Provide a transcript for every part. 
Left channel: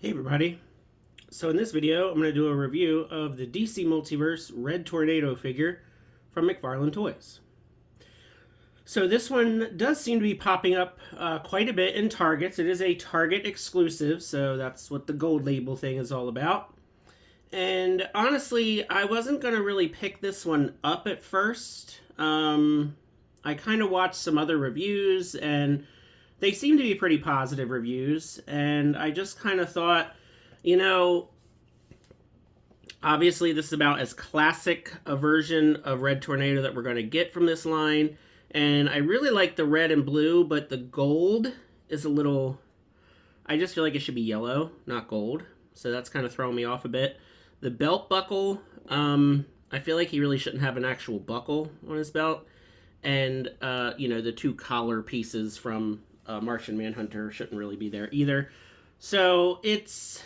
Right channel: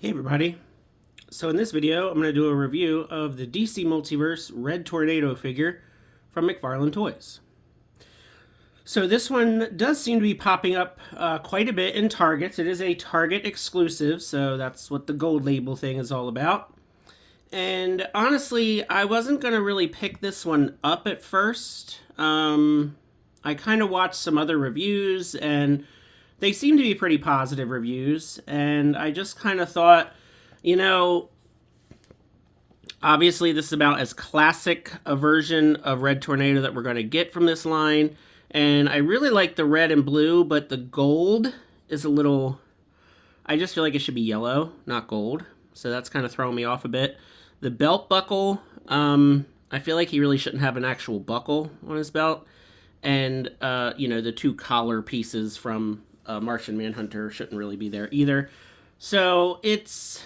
Hey everybody. So in this video, I'm going to do a review of the DC Multiverse Red Tornado figure from McFarlane Toys. So this one does seem to be popping up quite a bit in Targets. It is a Target exclusive, so that's what the gold label thing is all about. And honestly, I wasn't going to really pick this one up at first. I kind of watched some other reviews and they seem to be pretty positive reviews, and I just kind of thought, obviously this is about as classic a version of Red Tornado that we're going to get from this line, and I really like the red and blue, but the gold is a little, I just feel like it should be yellow, not gold, so that's kind of throwing me off a bit. The belt buckle, I feel like he really shouldn't have an actual buckle on his belt, and, the two collar pieces from Martian Manhunter shouldn't really be there either. So it's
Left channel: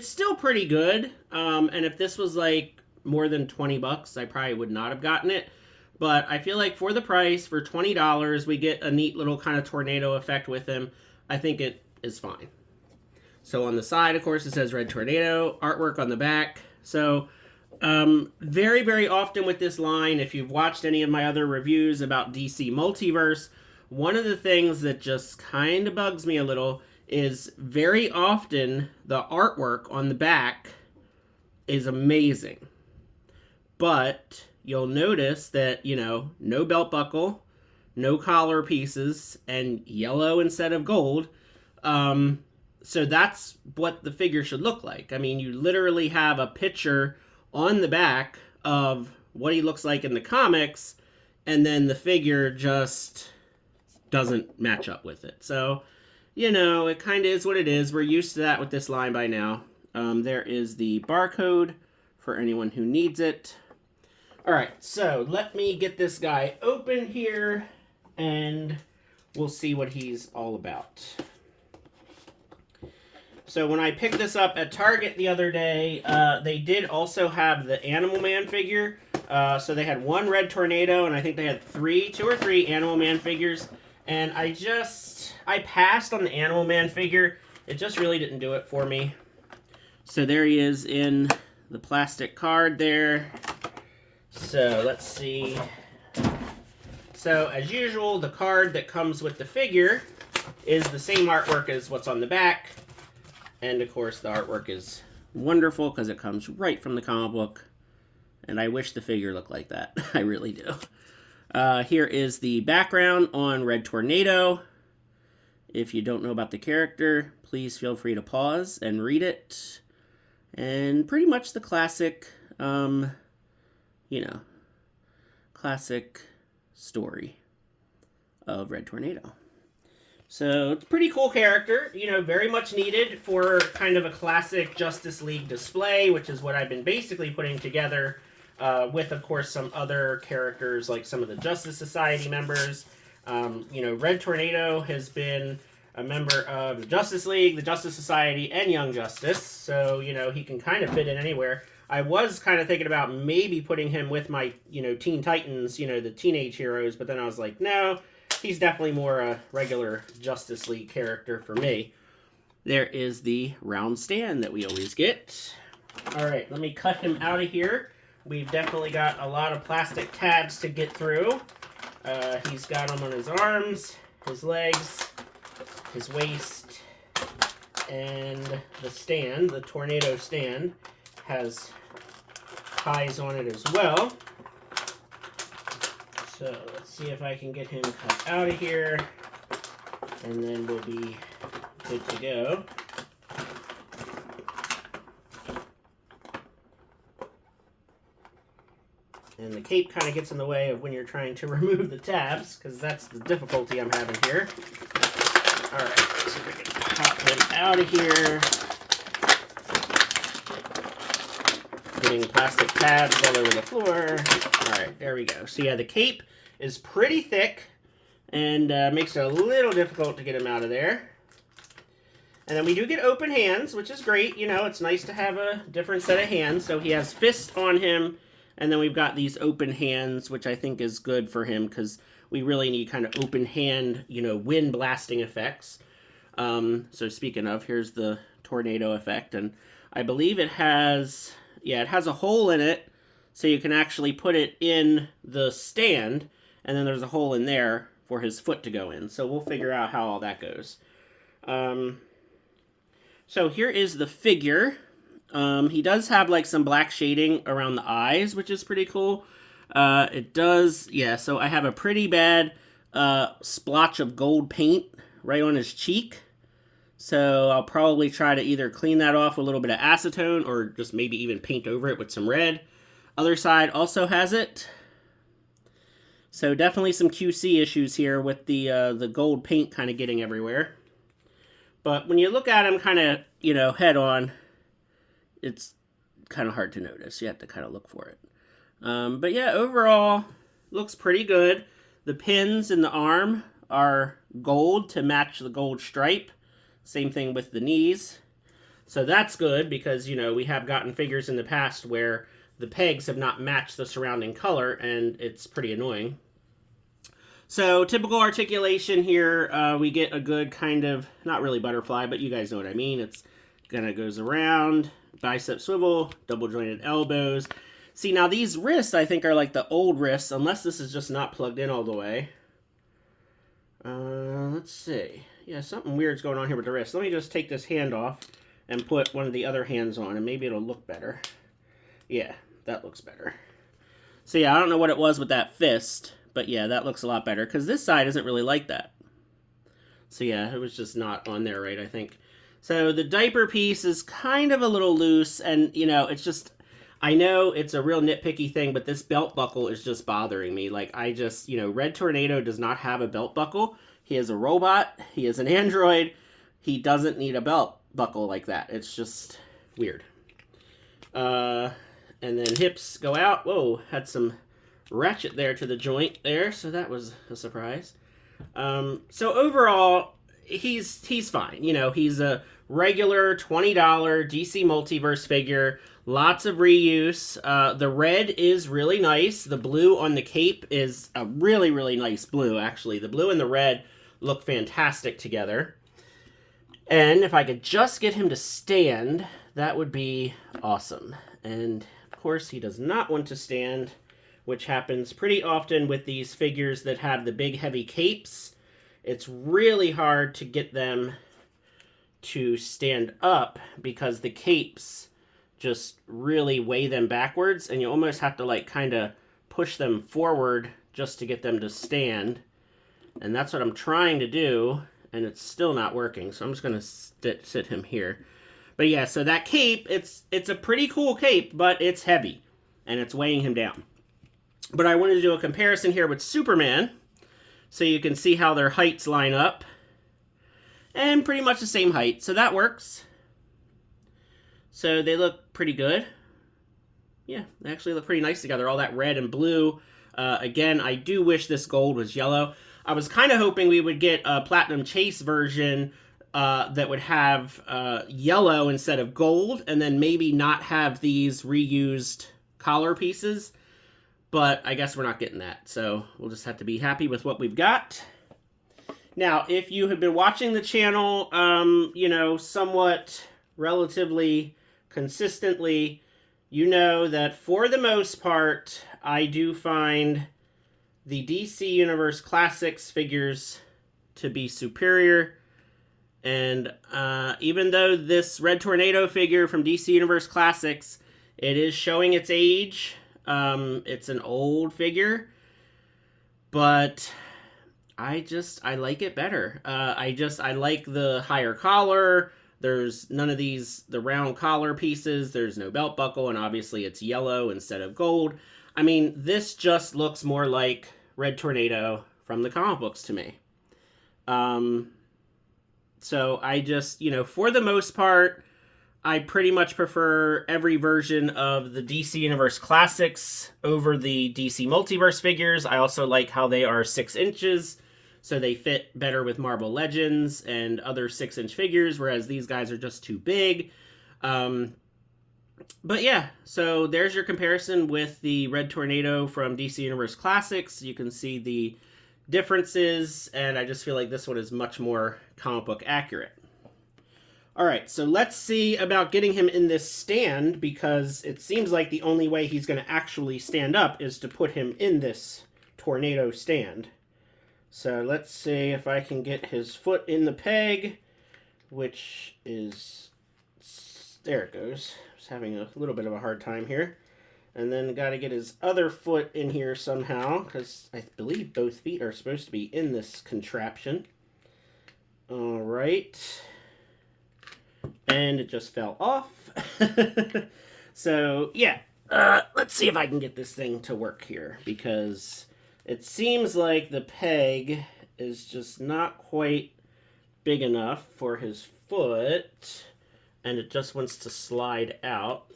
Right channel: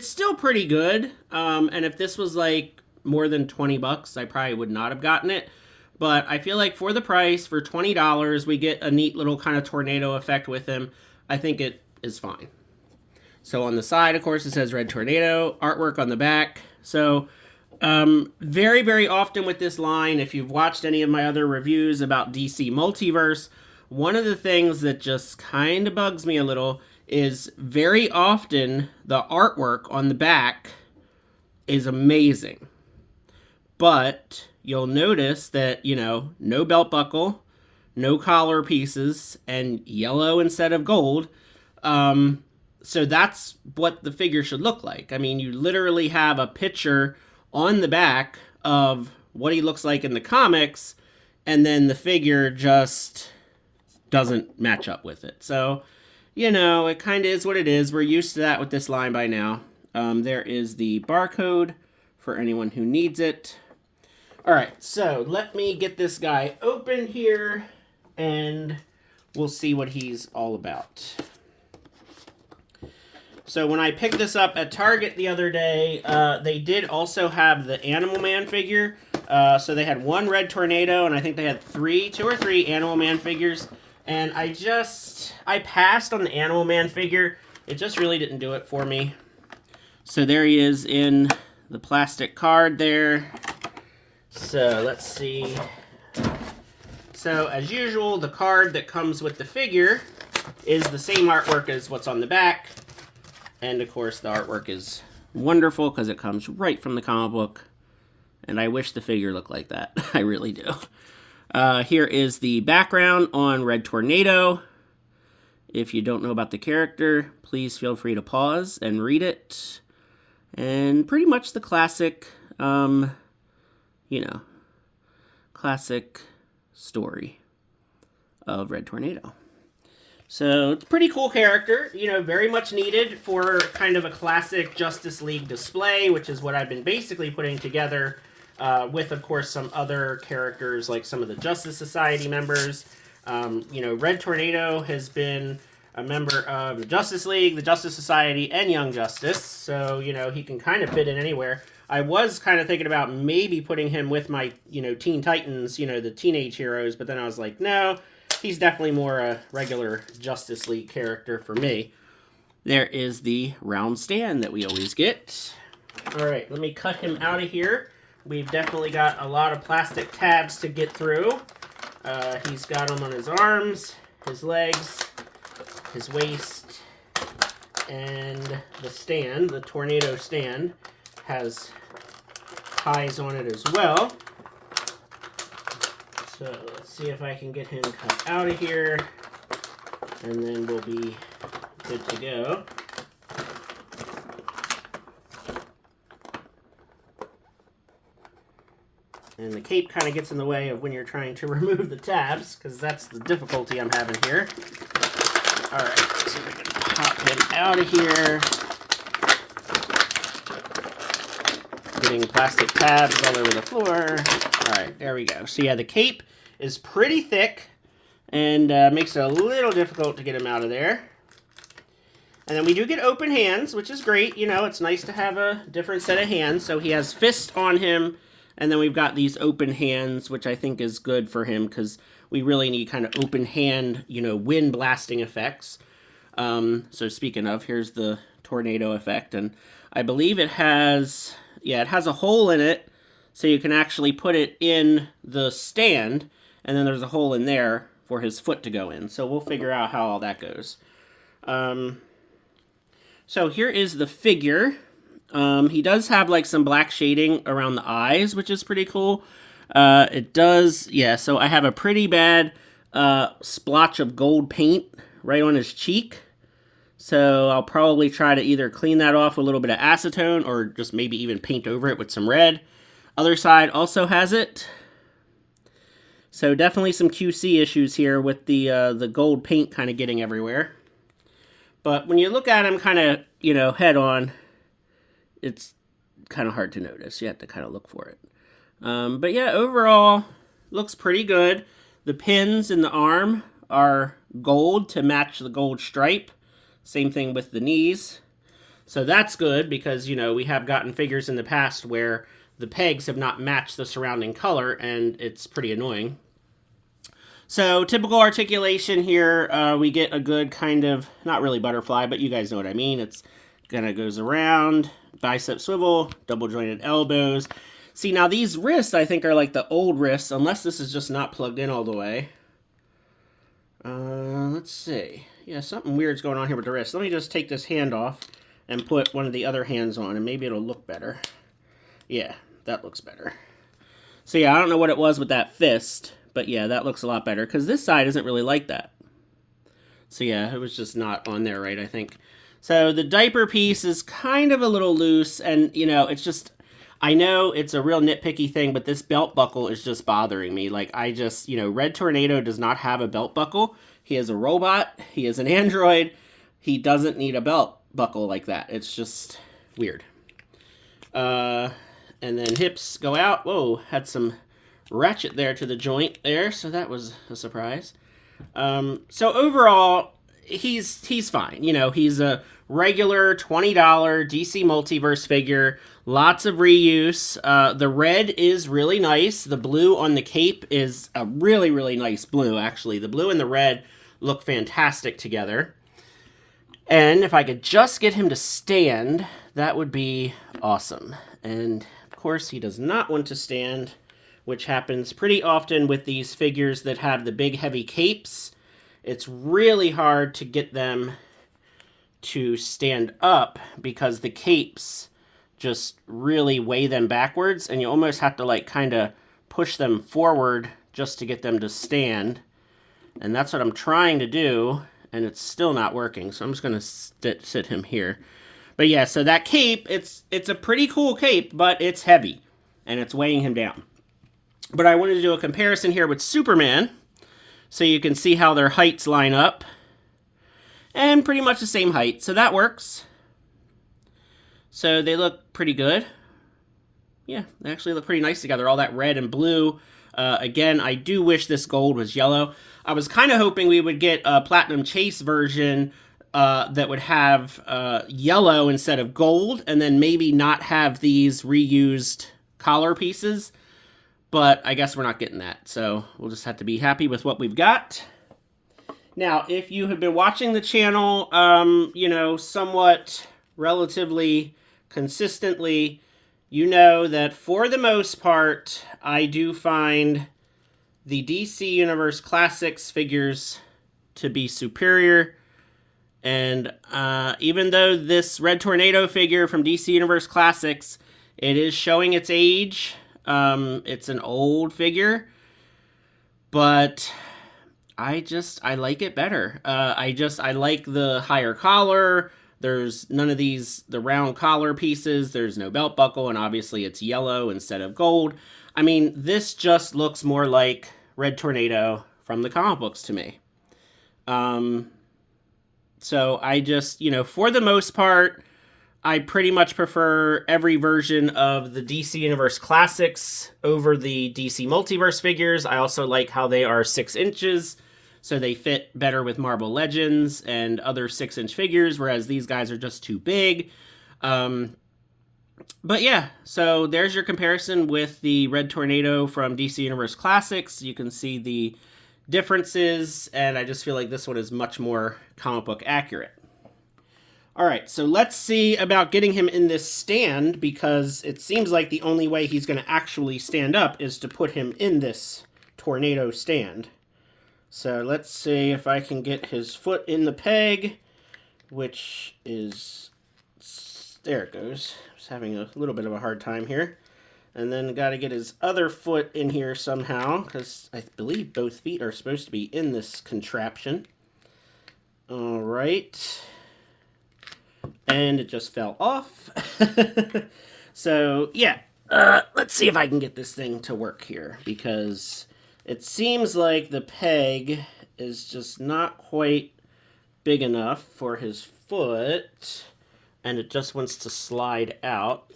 still pretty good. And if this was like more than $20, I probably would not have gotten it. But I feel like for the price, for $20, we get a neat little kind of tornado effect with him. I think it is fine. So on the side, of course, it says Red Tornado, artwork on the back. So very, very often with this line, if you've watched any of my other reviews about DC Multiverse, one of the things that just kind of bugs me a little is very often the artwork on the back is amazing. But you'll notice that, no belt buckle, no collar pieces, and yellow instead of gold. So that's what the figure should look like. I mean, you literally have a picture on the back of what he looks like in the comics, and then the figure just doesn't match up with it. So, it kind of is what it is. We're used to that with this line by now. There is the barcode for anyone who needs it. All right, so let me get this guy open here, and we'll see what he's all about. So when I picked this up at Target the other day, they did also have the Animal Man figure. So they had one Red Tornado, and I think they had two or three Animal Man figures. And I passed on the Animal Man figure. It just really didn't do it for me. So there he is in the plastic card there. So let's see. So as usual, the card that comes with the figure is the same artwork as what's on the back. And of course the artwork is wonderful because it comes right from the comic book. And I wish the figure looked like that. I really do. Here is the background on Red Tornado. If you don't know about the character, please feel free to pause and read it. And pretty much the classic, classic story of Red Tornado. So it's a pretty cool character, very much needed for kind of a classic Justice League display, which is what I've been basically putting together with, of course, some other characters like some of the Justice Society members. Red Tornado has been a member of the Justice League, the Justice Society, and Young Justice, so, he can kind of fit in anywhere. I was kind of thinking about maybe putting him with my, Teen Titans, the teenage heroes, but then I was like, no, he's definitely more a regular Justice League character for me. There is the round stand that we always get. All right, let me cut him out of here. We've definitely got a lot of plastic tabs to get through. He's got them on his arms, his legs, his waist, and the stand, the tornado stand, has ties on it as well. So let's see if I can get him cut out of here, and then we'll be good to go. And the cape kind of gets in the way of when you're trying to remove the tabs, because that's the difficulty I'm having here. Alright, so we can pop him out of here. Getting plastic tabs all over the floor. Alright, there we go. So yeah, the cape is pretty thick and makes it a little difficult to get him out of there. And then we do get open hands, which is great. It's nice to have a different set of hands. So he has fists on him. And then we've got these open hands, which I think is good for him because we really need kind of open hand, wind blasting effects. So speaking of, here's the tornado effect. And I believe it has, yeah, it has a hole in it, so you can actually put it in the stand, and then there's a hole in there for his foot to go in. So we'll figure out how all that goes. So here is the sfigure. He does have like some black shading around the eyes, which is pretty cool. It does, yeah, so I have a pretty bad splotch of gold paint right on his cheek. So I'll probably try to either clean that off with a little bit of acetone or just maybe even paint over it with some red. Other side also has it. So definitely some QC issues here with the gold paint kind of getting everywhere. But when you look at him kind of, you know, head on, it's kind of hard to notice. You have to kind of look for it. But yeah, overall, looks pretty good. The pins in the arm are gold to match the gold stripe. Same thing with the knees. So that's good because, you know, we have gotten figures in the past where the pegs have not matched the surrounding color, and it's pretty annoying. So typical articulation here, we get a good kind of, not really butterfly, but you guys know what I mean. It's kind of goes around, bicep swivel, double jointed elbows. See, now these wrists, I think, are like the old wrists, unless this is just not plugged in all the way. Let's see. Yeah, something weird's going on here with the wrist. Let me just take this hand off and put one of the other hands on, and maybe it'll look better. Yeah, that looks better. So yeah, I don't know what it was with that fist, but yeah, that looks a lot better, because this side isn't really like that. So yeah, it was just not on there right, I think. So the diaper piece is kind of a little loose, and, you know, it's just, I know it's a real nitpicky thing, but this belt buckle is just bothering me. Like, I just, you know, Red Tornado does not have a belt buckle. He is a robot. He is an android. He doesn't need a belt buckle like that. It's just weird. And then hips go out. Whoa, had some ratchet there to the joint there, so that was a surprise. So overall, he's fine. You know, he's a regular $20 DC Multiverse figure. Lots of reuse. The red is really nice. The blue on the cape is a really, really nice blue, actually. The blue and the red look fantastic together. And if I could just get him to stand, that would be awesome. And, of course, he does not want to stand, which happens pretty often with these figures that have the big, heavy capes. It's really hard to get them to stand up because the capes just really weigh them backwards, and you almost have to like kind of push them forward just to get them to stand. And that's what I'm trying to do, and it's still not working. So I'm just going to sit him here. But yeah, so that cape, it's a pretty cool cape, but it's heavy and it's weighing him down. But I wanted to do a comparison here with Superman so you can see how their heights line up. And pretty much the same height, so that works. So they look pretty good. Yeah, they actually look pretty nice together, all that red and blue. Again, I do wish this gold was yellow. I was kind of hoping we would get a Platinum Chase version that would have yellow instead of gold, and then maybe not have these reused collar pieces. But I guess we're not getting that, so we'll just have to be happy with what we've got. Now, if you have been watching the channel, you know, somewhat relatively consistently, you know that for the most part, I do find the DC Universe Classics figures to be superior. And even though this Red Tornado figure from DC Universe Classics, it is showing its age. It's an old figure, but I like it better. I like the higher collar. There's none of these, the round collar pieces. There's no belt buckle, and obviously it's yellow instead of gold. I mean, this just looks more like Red Tornado from the comic books to me. So I just, you know, for the most part, I pretty much prefer every version of the DC Universe Classics over the DC Multiverse figures. I also like how they are 6 inches, so they fit better with Marvel Legends and other 6-inch figures, whereas these guys are just too big. But yeah, so there's your comparison with the Red Tornado from DC Universe Classics. You can see the differences, and I just feel like this one is much more comic book accurate. All right, so let's see about getting him in this stand, because it seems like the only way he's going to actually stand up is to put him in this tornado stand. So let's see if I can get his foot in the peg, which is... There it goes. I was having a little bit of a hard time here. And then got to get his other foot in here somehow, because I believe both feet are supposed to be in this contraption. All right. And it just fell off. So, yeah. Let's see if I can get this thing to work here, because it seems like the peg is just not quite big enough for his foot, and it just wants to slide out.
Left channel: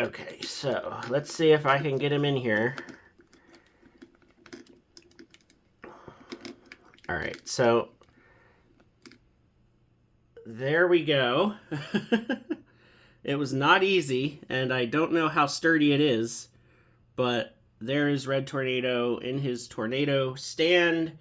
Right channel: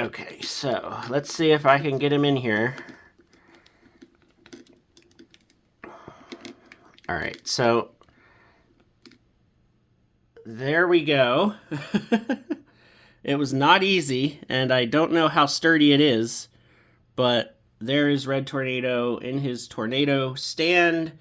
Okay, so let's see if I can get him in here. All right, so there we go. It was not easy, and I don't know how sturdy it is, but there is Red Tornado in his tornado stand.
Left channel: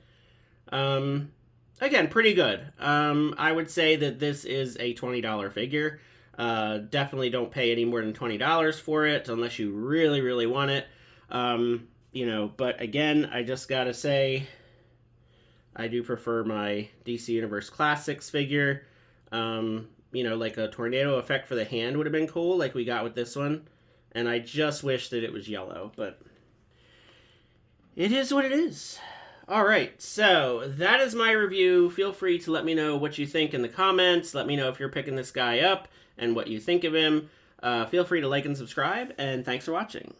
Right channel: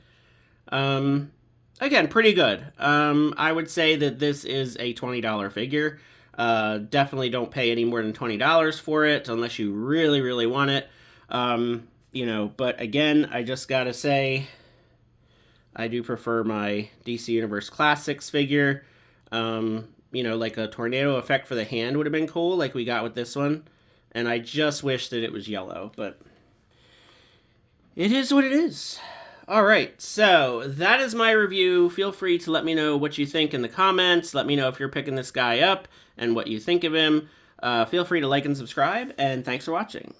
Again, pretty good. I would say that this is a $20 figure. Definitely don't pay any more than $20 for it unless you really, really want it. You know, but again, I just gotta say, I do prefer my DC Universe Classics figure. You know, like a tornado effect for the hand would have been cool, like we got with this one. And I just wish that it was yellow, but it is what it is. All right, so that is my review. Feel free to let me know what you think in the comments. Let me know if you're picking this guy up and what you think of him. Feel free to like and subscribe, and thanks for watching.